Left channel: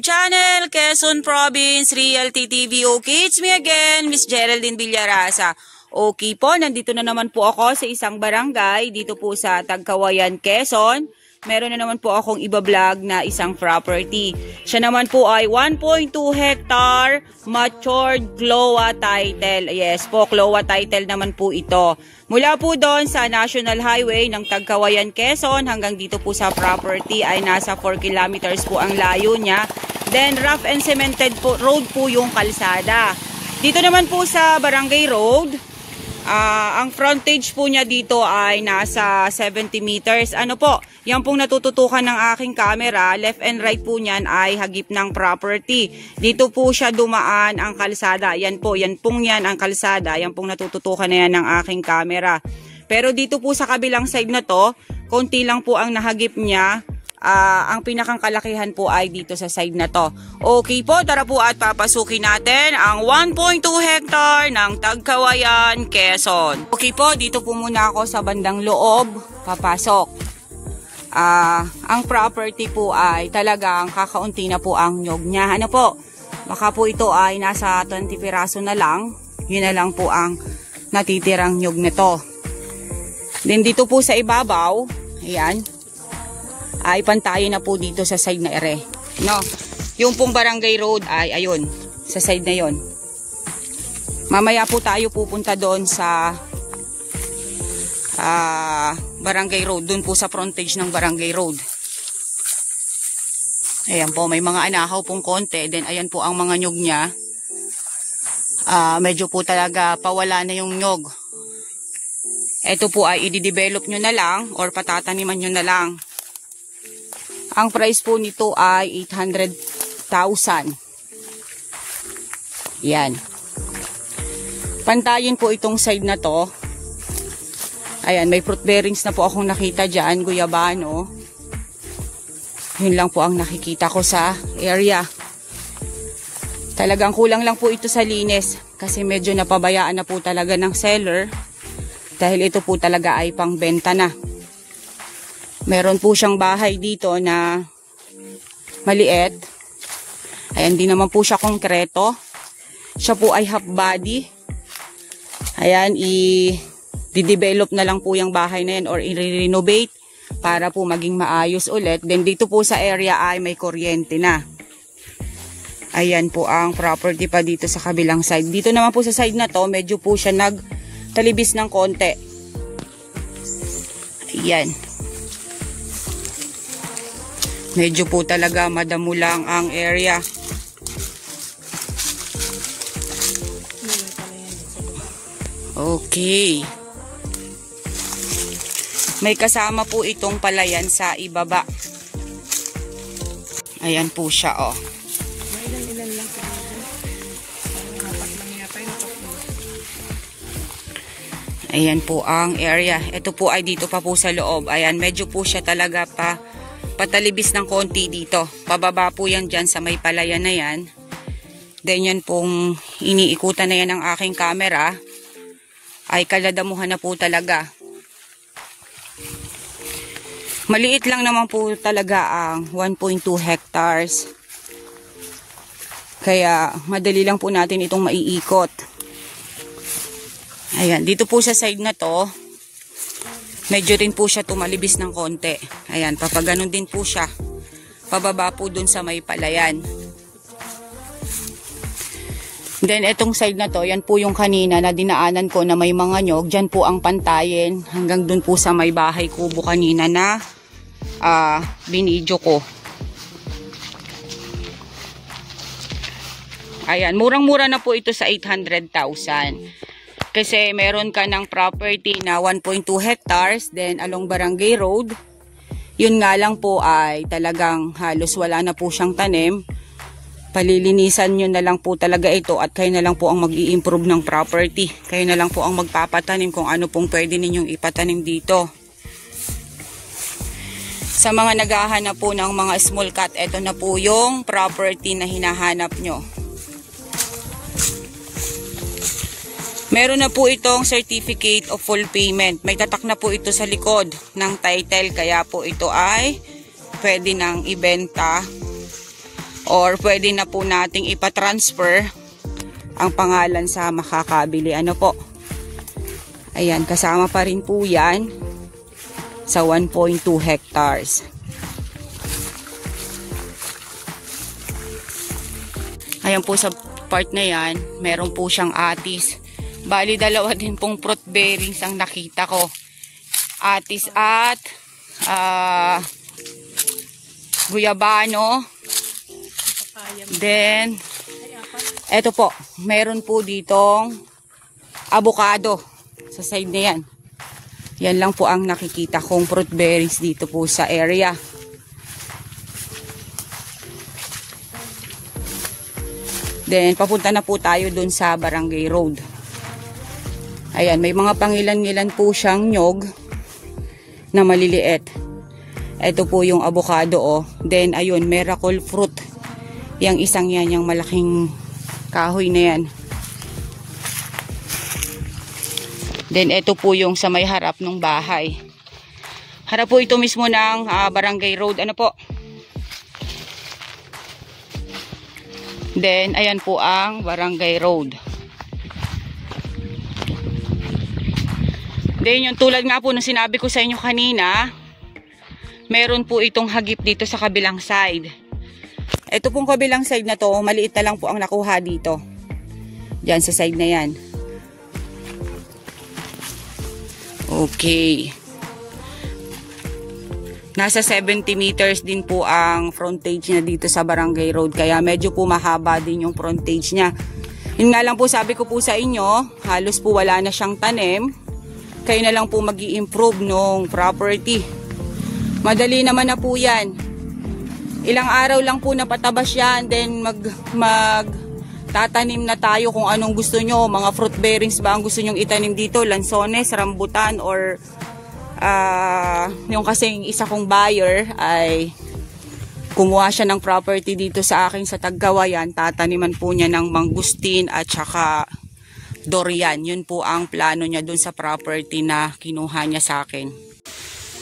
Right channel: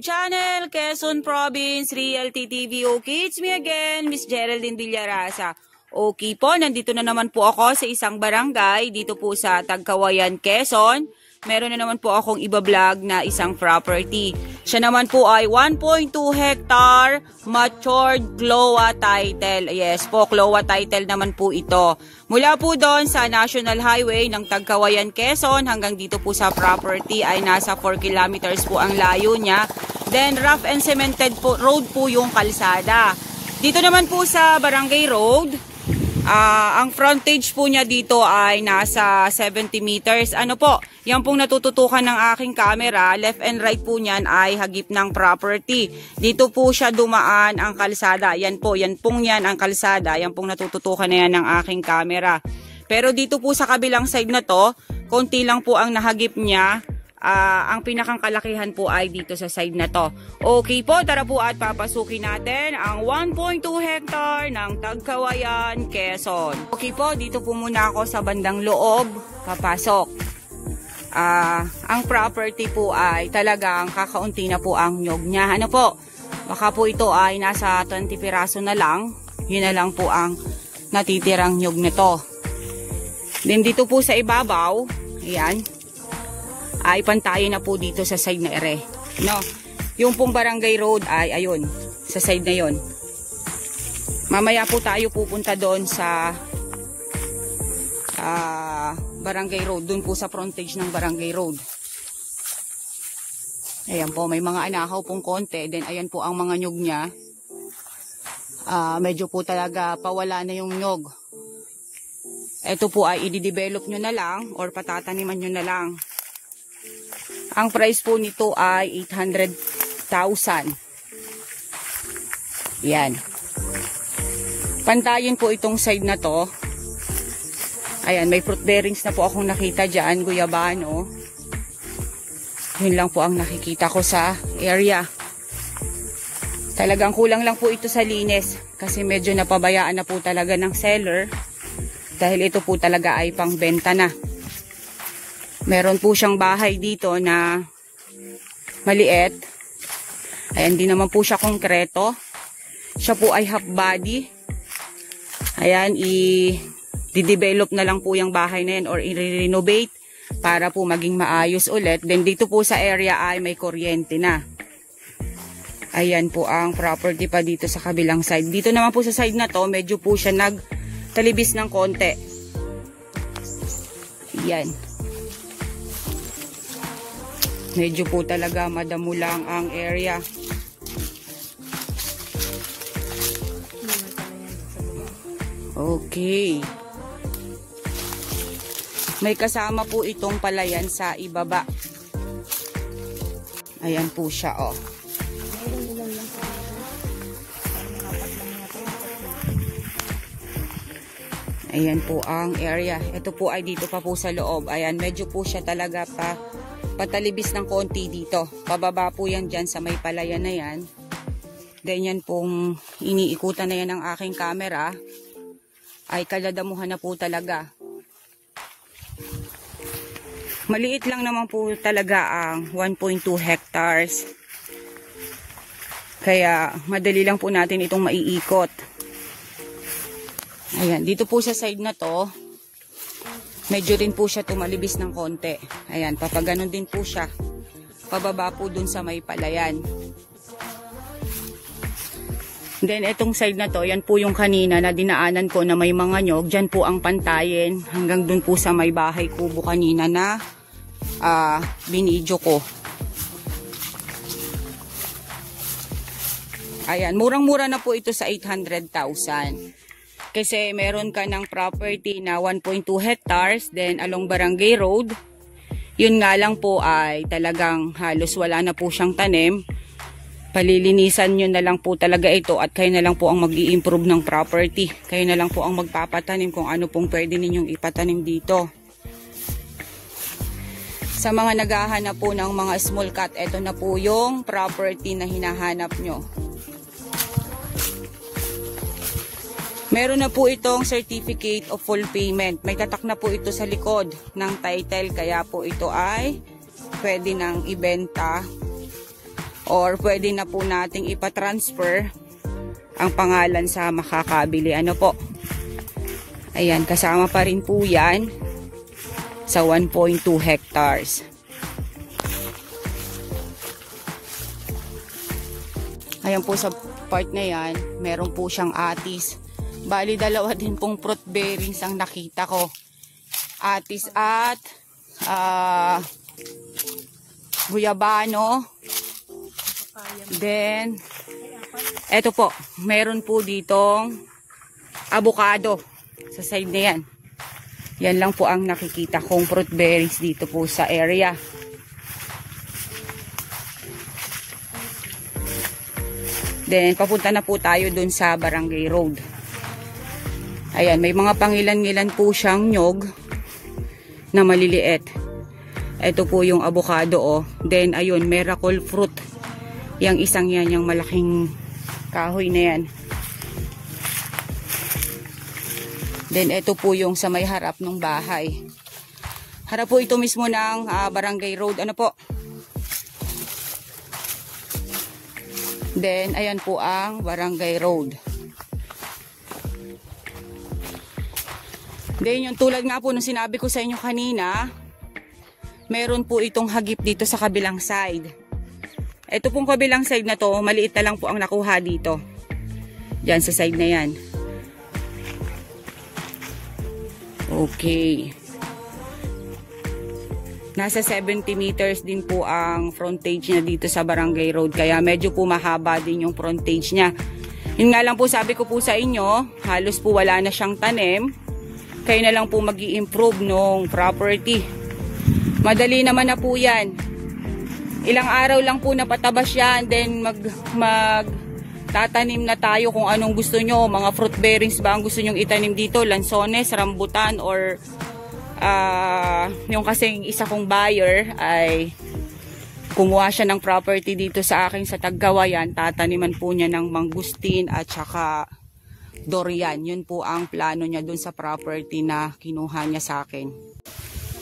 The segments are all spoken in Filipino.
YouTube channel, Quezon Province Realty TV. Okay, it's me again, Miss Geraldine Villarasa. Okay po, nandito na naman po ako sa isang barangay dito po sa Tagkawayan, Quezon. Meron na naman po akong iba-vlog na isang property. Siya naman po ay 1.2 hectare matured CLOA title. Yes po, CLOA title naman po ito. Mula po doon sa National Highway ng Tagkawayan, Quezon hanggang dito po sa property ay nasa 4 kilometers po ang layo niya. Then rough and cemented po, road po yung kalsada. Dito naman po sa Barangay Road, ang frontage po niya dito ay nasa 70 meters. Ano po, yan pong natututukan ng aking camera, left and right po niyan ay hagip ng property. Dito po siya dumaan ang kalsada. Yan po, yan pong yan ang kalsada. Yan pong natututukan na yan ng aking camera. Pero dito po sa kabilang side na to, konti lang po ang nahagip niya. Ang pinakang kalakihan po ay dito sa side na to. Okay po, tara po at papasukin natin ang 1.2 hectare ng Tagkawayan, Quezon. Okay po, dito po muna ako sa bandang loob, papasok. Ang property po ay talagang kakaunti na po ang nyog niya. Ano po, baka po ito ay nasa 20 piraso na lang. Yun na lang po ang natitirang nyog nito. Then dito po sa ibabaw, ayan, ay pantayin na po dito sa side na ere. No, yung pong Barangay Road ay ayun, sa side na yon. Mamaya po tayo pupunta doon sa Barangay Road, doon po sa frontage ng Barangay Road. Ayan po, may mga anahaw pong konti. Then ayan po ang mga nyog niya. Medyo po talaga pawala na yung nyog. Ito po ay i-develop nyo na lang or patataniman nyo na lang. Ang price po nito ay 800,000. Yan. Pantayin po itong side na to. Ayan, may fruit bearings na po akong nakita dyan, guyabano. Yun lang po ang nakikita ko sa area. Talagang kulang lang po ito sa linis kasi medyo napabayaan na po talaga ng seller dahil ito po talaga ay pangbenta na. Meron po siyang bahay dito na maliit. Ayan, di naman po siya konkreto. Siya po ay half body. Ayan, i-develop na lang po yung bahay na yan or i-renovate para po maging maayos ulit. Then dito po sa area ay may kuryente na. Ayan po ang property pa dito sa kabilang side. Dito naman po sa side na to, medyo po siya nagtalibis ng konti. Ayan. Medyo po talaga madamo lang ang area. Okay. May kasama po itong palayan sa ibaba. Ayan po siya, oh. Ayan po ang area. Ito po ay dito pa po sa loob. Ayan, medyo po siya talaga patalibis ng konti dito. Pababa po yan dyan sa may palayan na yan. Then yan pong iniikutan na yan ng aking camera ay kaladamuhan na po talaga. Maliit lang naman po talaga ang 1.2 hectares. Kaya madali lang po natin itong maiikot. Ayan, dito po sa side na to, medyo rin po siya tumalibis ng konti. Ayan, papaganon din po siya. Pababa po dun sa may palayan. Then, itong side na to, yan po yung kanina na dinaanan ko na may mga nyog. Diyan po ang pantayin hanggang dun po sa may bahay kubo kanina na binidyo ko. Ayan, murang-mura na po ito sa 800,000. Kasi meron ka ng property na 1.2 hectares, then along Barangay Road. Yun nga lang po ay talagang halos wala na po siyang tanim. Palilinisan nyo na lang po talaga ito at kayo na lang po ang mag-i-improve ng property. Kayo na lang po ang magpapatanim kung ano pong pwede ninyong ipatanim dito. Sa mga naghahanap po ng mga small cut, ito na po yung property na hinahanap nyo. Meron na po itong certificate of full payment. May tatak na po ito sa likod ng title. Kaya po ito ay pwede nang ibenta or pwede na po nating ipatransfer ang pangalan sa makakabili. Ano po? Ayan, kasama pa rin po yan sa 1.2 hectares. Ayan po sa part na yan, meron po siyang atis. Bali, dalawa din pong fruit bearings ang nakita ko. Atis at guyabano. Then, eto po, meron po ditong avocado sa side na yan. Yan lang po ang nakikita kong fruit bearings dito po sa area. Then, papunta na po tayo dun sa Barangay Road. Ayan, may mga pangilan-ngilan po siyang nyog na maliliit. Ito po yung avocado, oh. Then, ayun, miracle fruit. Yang isang yan, yung malaking kahoy na yan. Then, ito po yung sa may harap ng bahay. Harap po ito mismo ng Barangay Road. Ano po? Then, ayan po ang Barangay Road. Then, yung tulad nga po na sinabi ko sa inyo kanina, meron po itong hagip dito sa kabilang side. Ito pong kabilang side na to, maliit na lang po ang nakuha dito. Diyan sa side na yan. Okay. Nasa 70 meters din po ang frontage niya dito sa Barangay Road. Kaya medyo po mahaba din yung frontage niya. Yun nga lang po sabi ko po sa inyo, halos po wala na siyang tanim. Kayo na lang po mag-i-improve nung property. Madali naman na po yan. Ilang araw lang po napatabas yan. Then tatanim na tayo kung anong gusto nyo. Mga fruit bearings ba ang gusto nyong itanim dito? Lansones, rambutan, or yung kasing isa kong buyer ay kumuha siya ng property dito sa akin sa Tagkawayan. Tataniman po niya ng mangustin at saka durian. Yun po ang plano niya dun sa property na kinuha niya sa akin.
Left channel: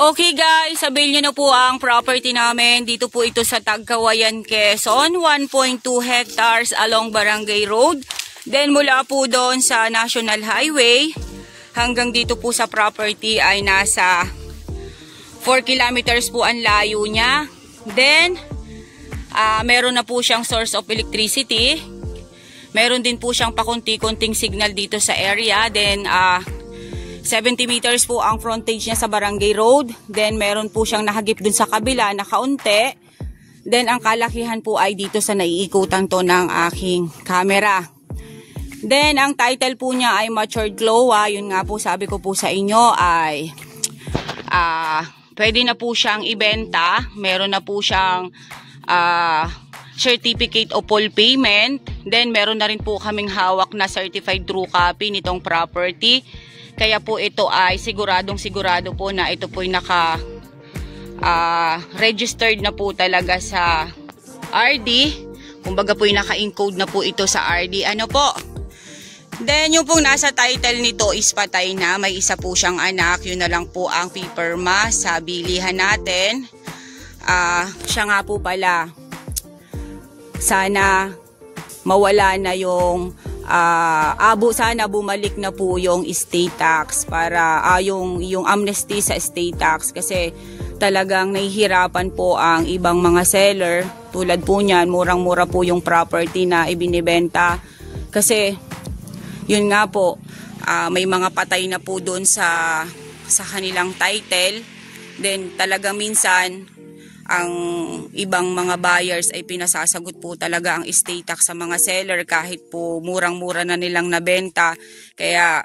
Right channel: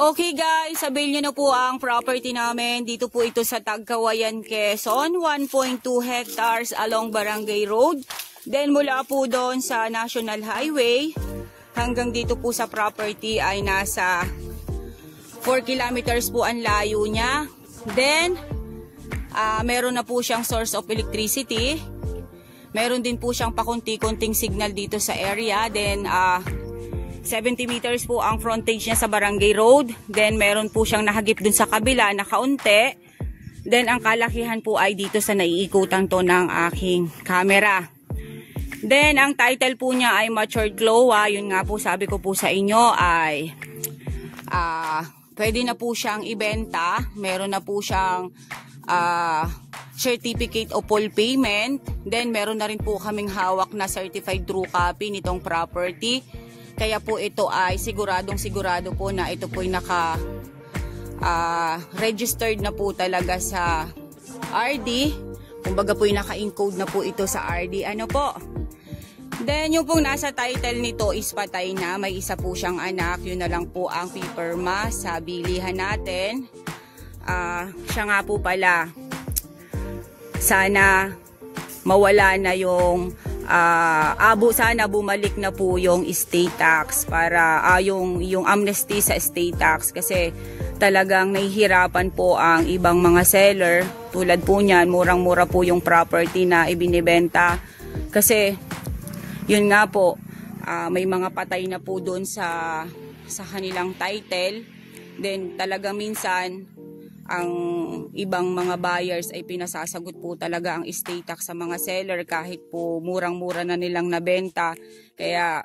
Okay guys, sabihin niyo na po ang property namin. Dito po ito sa Tagkawayan, Quezon. 1.2 hectares along Barangay Road. Then mula po doon sa National Highway hanggang dito po sa property ay nasa 4 kilometers po ang layo niya. Then, meron na po siyang source of electricity. Meron din po siyang pakunti-kunting signal dito sa area. Then, 70 meters po ang frontage niya sa Barangay Road. Then, meron po siyang nahagip dun sa kabila na kaunti. Then, ang kalakihan po ay dito sa naiikutan to ng aking camera. Then, ang title po niya ay Matured Cloa. Yun nga po, sabi ko po sa inyo ay pwede na po siyang ibenta. Meron na po siyang certificate of full payment. Then, meron na rin po kaming hawak na certified true copy nitong property. Kaya po ito ay siguradong sigurado po na ito po ay registered na po talaga sa RD. Kumbaga po ay naka-encode na po ito sa RD. Ano po? Then, yung pong nasa title nito is patay na. May isa po siyang anak. Yun na lang po ang pipirma sa bilihan natin. Siya nga po pala. Sana mawala na yung sana bumalik na po yung estate tax para yung amnesty sa estate tax kasi talagang nahihirapan po ang ibang mga seller. Tulad po niyan, murang-mura po yung property na ibinibenta kasi yun nga po, may mga patay na po doon sa kanilang title. Then talaga minsan, ang ibang mga buyers ay pinasasagot po talaga ang estate tax sa mga seller kahit po murang-mura na nilang nabenta. Kaya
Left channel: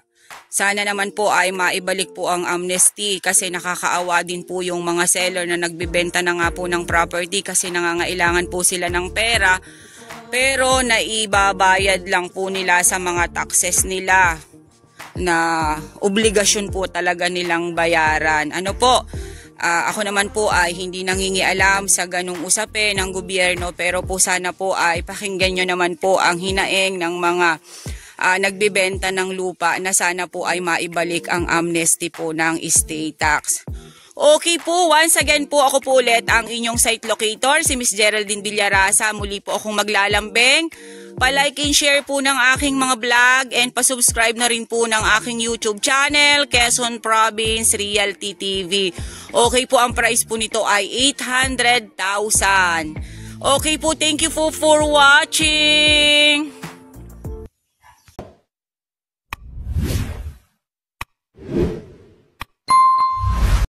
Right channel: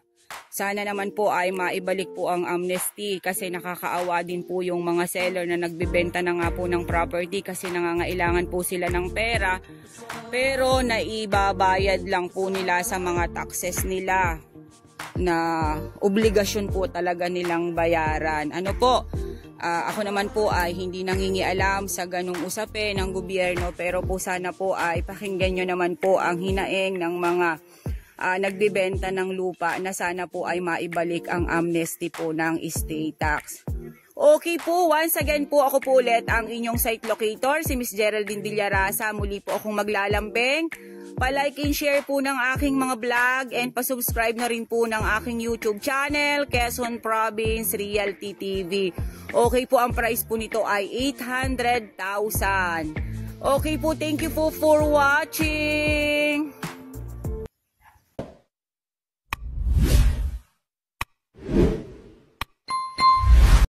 sana naman po ay maibalik po ang amnesty kasi nakakaawa din po yung mga seller na nagbibenta na nga po ng property kasi nangangailangan po sila ng pera. Pero naibabayad lang po nila sa mga taxes nila na obligasyon po talaga nilang bayaran. Ano po, ako naman po ay hindi nangingialam sa ganung usapin ng gobyerno pero po sana po ay pakinggan nyo naman po ang hinaing ng mga nagbibenta ng lupa na sana po ay maibalik ang amnesty po ng estate tax. Okay po, once again po ako po ulit ang inyong site locator, si Miss Geraldine Villarasa. Muli po akong maglalambing. Pa-like and share po ng aking mga vlog and pa-subscribe na rin po ng aking YouTube channel, Quezon Province Realty TV. Okay po, ang price po nito ay 800,000. Okay po, thank you po for watching.